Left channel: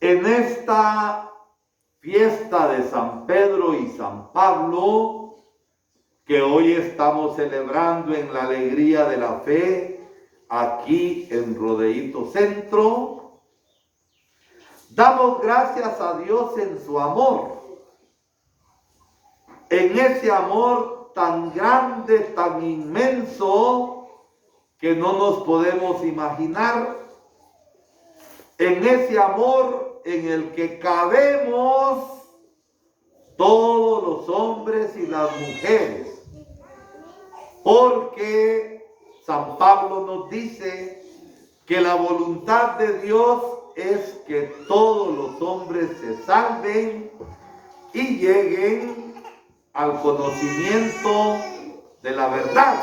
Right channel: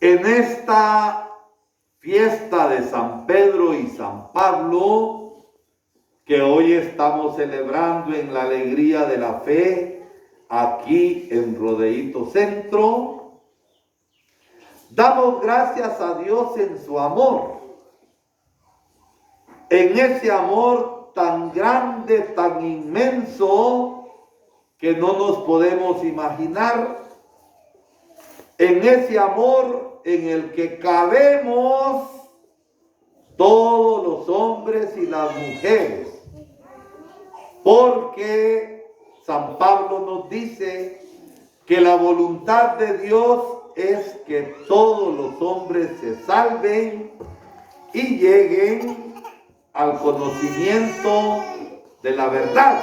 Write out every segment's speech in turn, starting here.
En esta fiesta de San Pedro y San Pablo, que hoy estamos celebrando en la alegría de la fe, aquí en Rodeíto Centro, damos gracias a Dios en su amor, en ese amor tan grande, tan inmenso, que no nos podemos imaginar, en ese amor en el que cabemos todos los hombres y las mujeres, porque San Pablo nos dice que la voluntad de Dios es que todos los hombres se salven y lleguen al conocimiento de la verdad,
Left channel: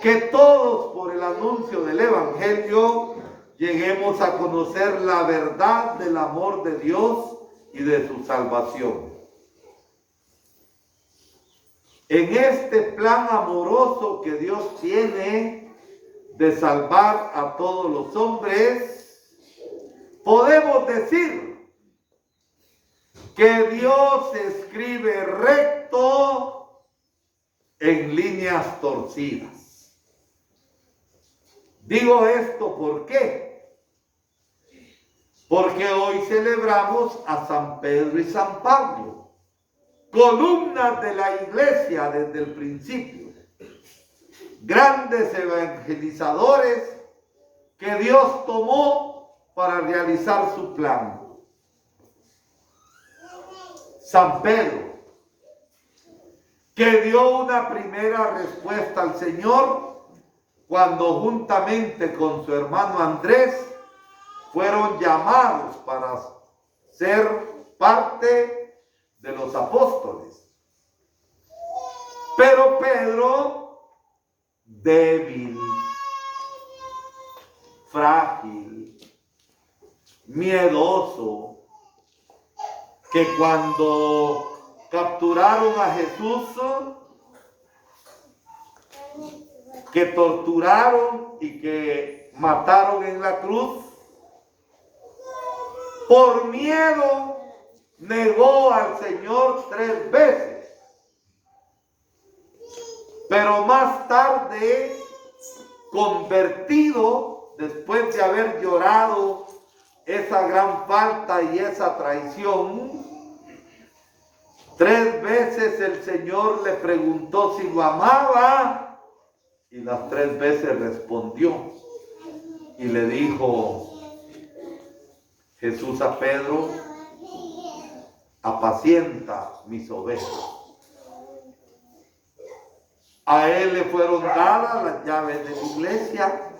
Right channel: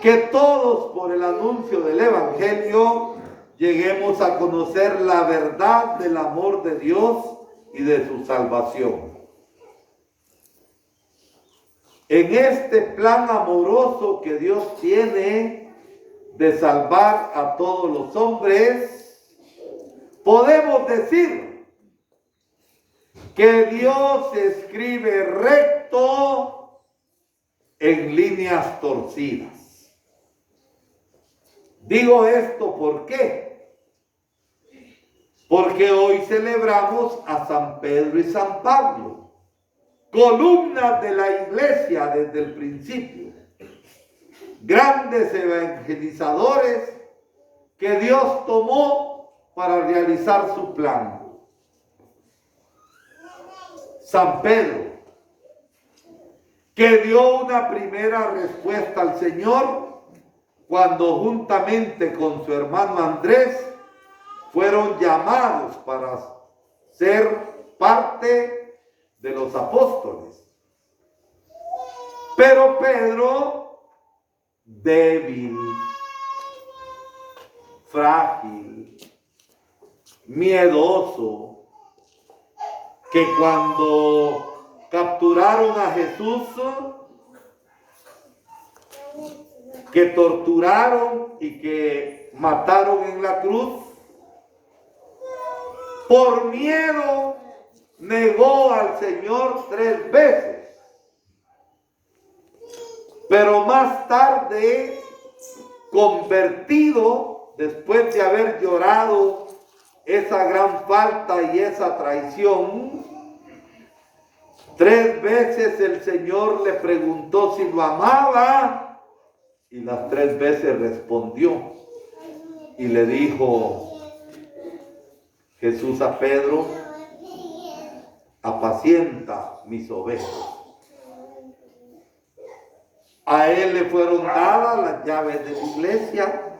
que todos por el anuncio del Evangelio lleguemos a conocer la verdad del amor de Dios y de su salvación. En este plan amoroso que Dios tiene de salvar a todos los hombres, podemos decir que Dios escribe recto en líneas torcidas. Digo esto ¿por qué? Porque hoy celebramos a San Pedro y San Pablo, columnas de la iglesia desde el principio, grandes evangelizadores que Dios tomó para realizar su plan. San Pedro, que dio una primera respuesta al Señor cuando juntamente con su hermano Andrés fueron llamados para ser parte de los apóstoles. Pero Pedro, débil, frágil, miedoso, que cuando capturaron a Jesús, que torturaron y que mataron en la cruz, por miedo negó al Señor 3 veces. Pero más tarde, convertido, después de haber llorado esa gran falta y esa traición, 3 veces el Señor le preguntó si lo amaba y las 3 veces respondió y le dijo Jesús a Pedro: apacienta mis ovejas. A él le fueron dadas las llaves de la iglesia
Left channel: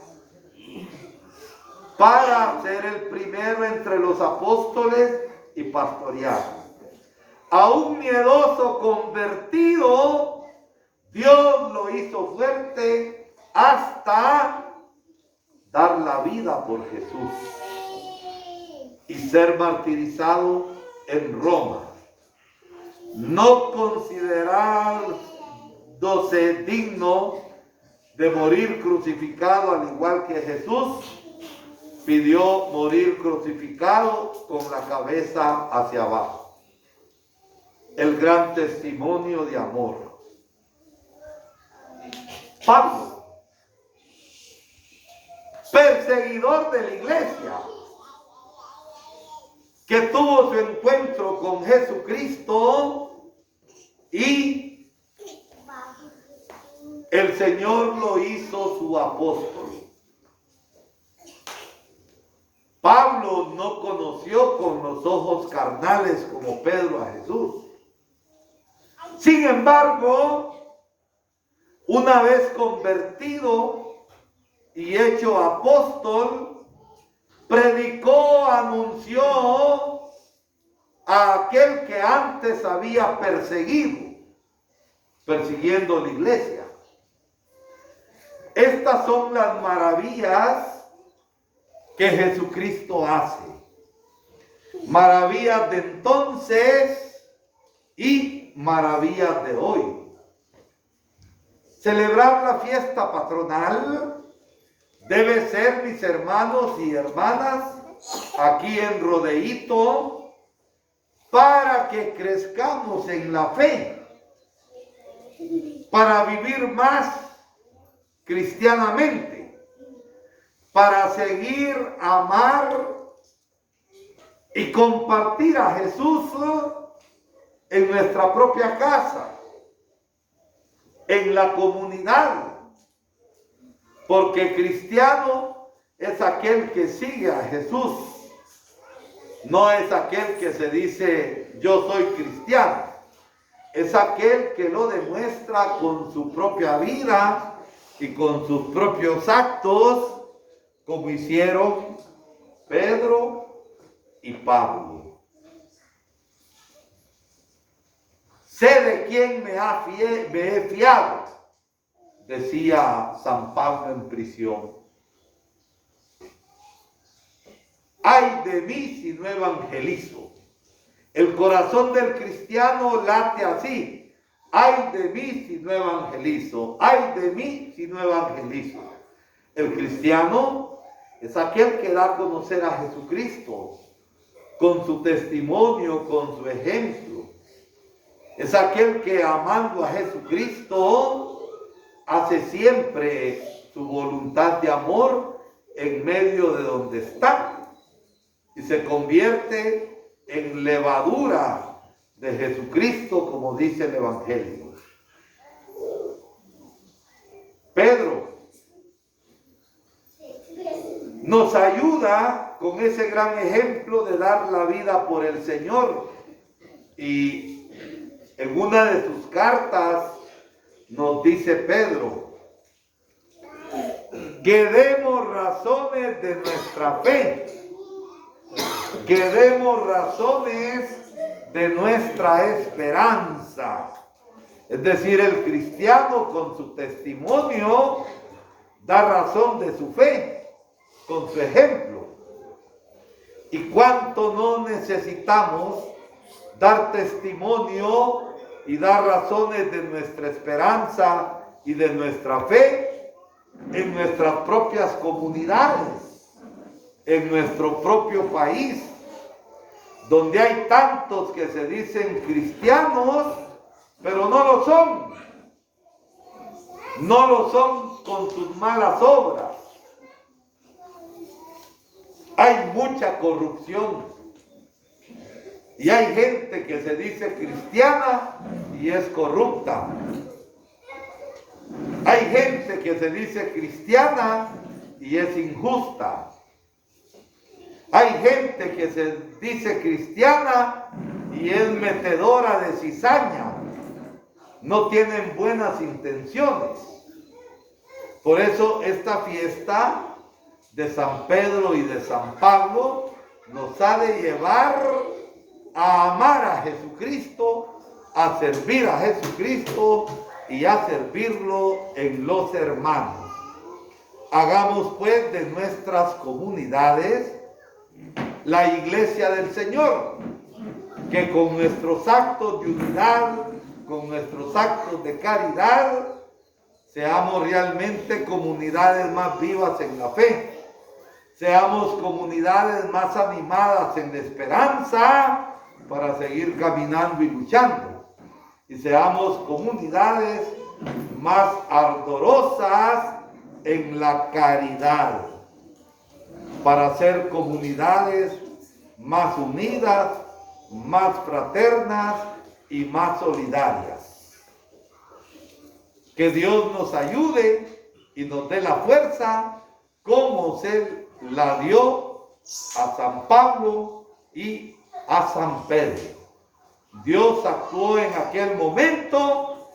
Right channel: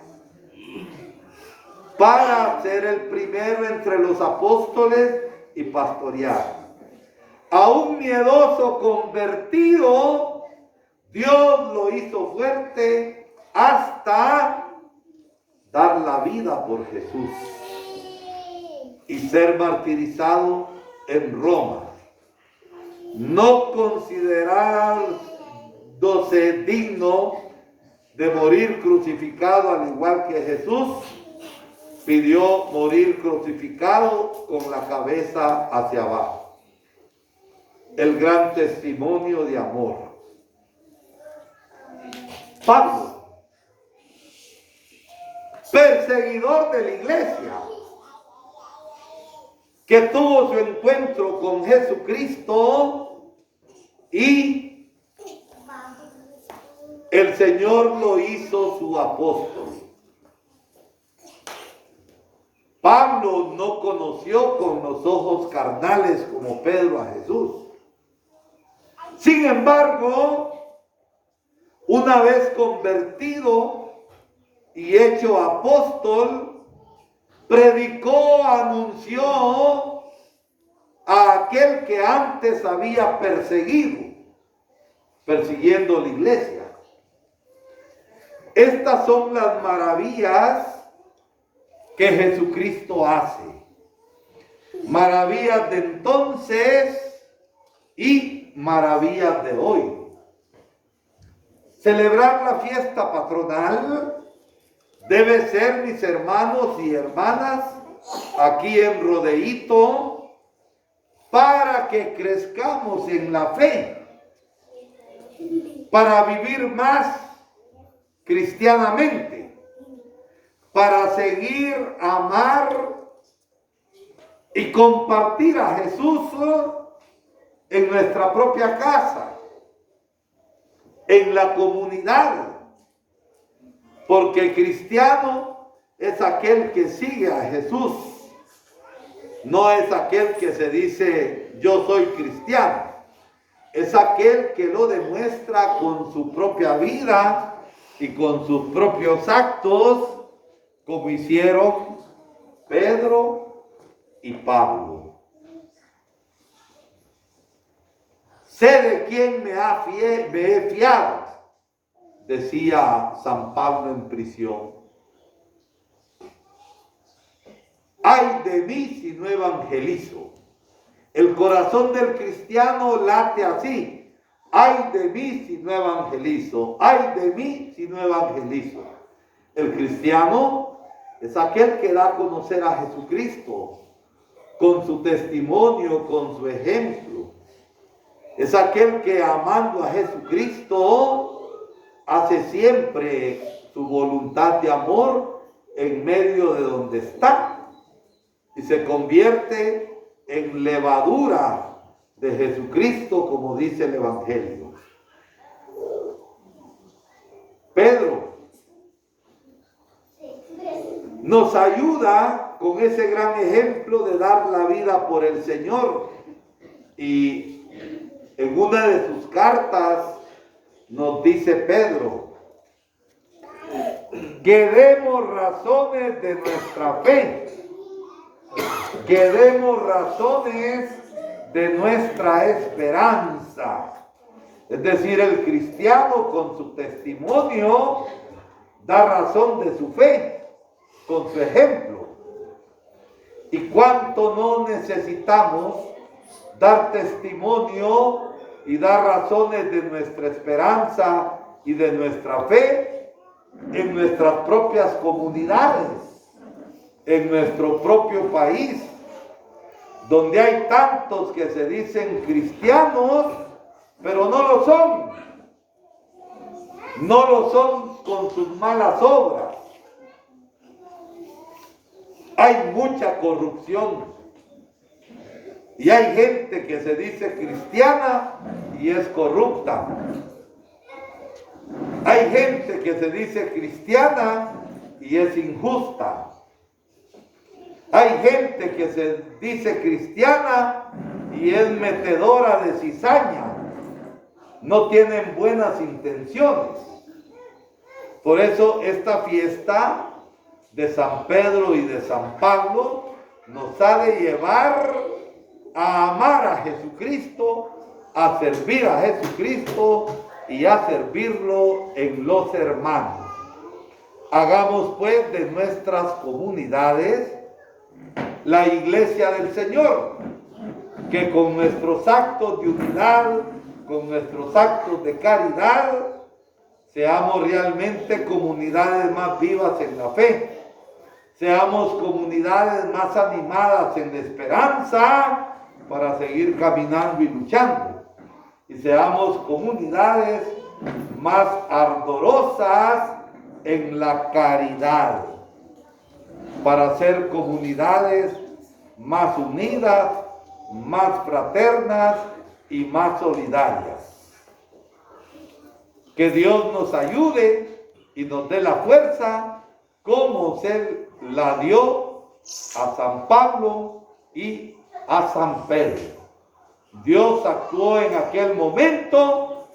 para ser el primero entre los apóstoles y pastorear. A un miedoso convertido, Dios lo hizo fuerte hasta dar la vida por Jesús y ser martirizado en Roma. No considerándose digno de morir crucificado al igual que Jesús, pidió morir crucificado con la cabeza hacia abajo. El gran testimonio de amor. Pablo, perseguidor de la iglesia, que tuvo su encuentro con Jesucristo y el Señor lo hizo su apóstol. Pablo no conoció con los ojos carnales como Pedro a Jesús. Sin embargo, una vez convertido y hecho apóstol, predicó, anunció a aquel que antes había persiguiendo la iglesia. Estas son las maravillas que Jesucristo hace. Maravillas de entonces y maravillas de hoy. Celebrar la fiesta patronal debe ser, mis hermanos y hermanas, aquí en Rodeito para que crezcamos en la fe, para vivir más cristianamente, para seguir amar y compartir a Jesús en nuestra propia casa, en la comunidad, porque cristiano es aquel que sigue a Jesús, no es aquel que se dice yo soy cristiano, es aquel que lo demuestra con su propia vida y con sus propios actos, como hicieron Pedro y Pablo. Sé de quién me he fiado, decía San Pablo en prisión. Ay de mí si no evangelizo. El corazón del cristiano late así. Ay de mí si no evangelizo. Ay de mí si no evangelizo. El cristiano es aquel que da a conocer a Jesucristo con su testimonio, con su ejemplo. Es aquel que amando a Jesucristo hace siempre su voluntad de amor en medio de donde está y se convierte en levadura de Jesucristo, como dice el Evangelio. Pedro nos ayuda con ese gran ejemplo de dar la vida por el Señor, y en una de sus cartas nos dice Pedro que demos razones de nuestra fe, que demos razones de nuestra esperanza. Es decir, el cristiano con su testimonio da razón de su fe, con su ejemplo. Y cuánto no necesitamos dar testimonio y dar razones de nuestra esperanza y de nuestra fe en nuestras propias comunidades, en nuestro propio país, donde hay tantos que se dicen cristianos, pero no lo son. No lo son con sus malas obras. Hay mucha corrupción. Y hay gente que se dice cristiana y es corrupta. Hay gente que se dice cristiana y es injusta. Hay gente que se dice cristiana y es metedora de cizaña. No tienen buenas intenciones. Por eso esta fiesta de San Pedro y de San Pablo nos ha de llevar a amar a Jesucristo, a servir a Jesucristo y a servirlo en los hermanos. Hagamos pues de nuestras comunidades la iglesia del Señor, que con nuestros actos de unidad, con nuestros actos de caridad, seamos realmente comunidades más vivas en la fe, seamos comunidades más animadas en la esperanza para seguir caminando y luchando, y seamos comunidades más ardorosas en la caridad, para ser comunidades más unidas, más fraternas y más solidarias. Que Dios nos ayude y nos dé la fuerza como se la dio a San Pablo y a San Pedro. Dios actuó en aquel momento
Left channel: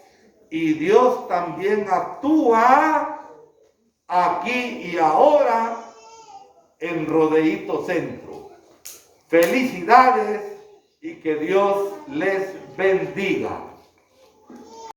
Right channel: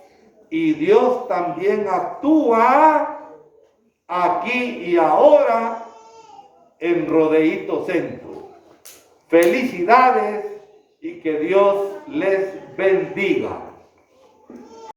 y Dios también actúa aquí y ahora en Rodeito Centro. Felicidades y que Dios les bendiga.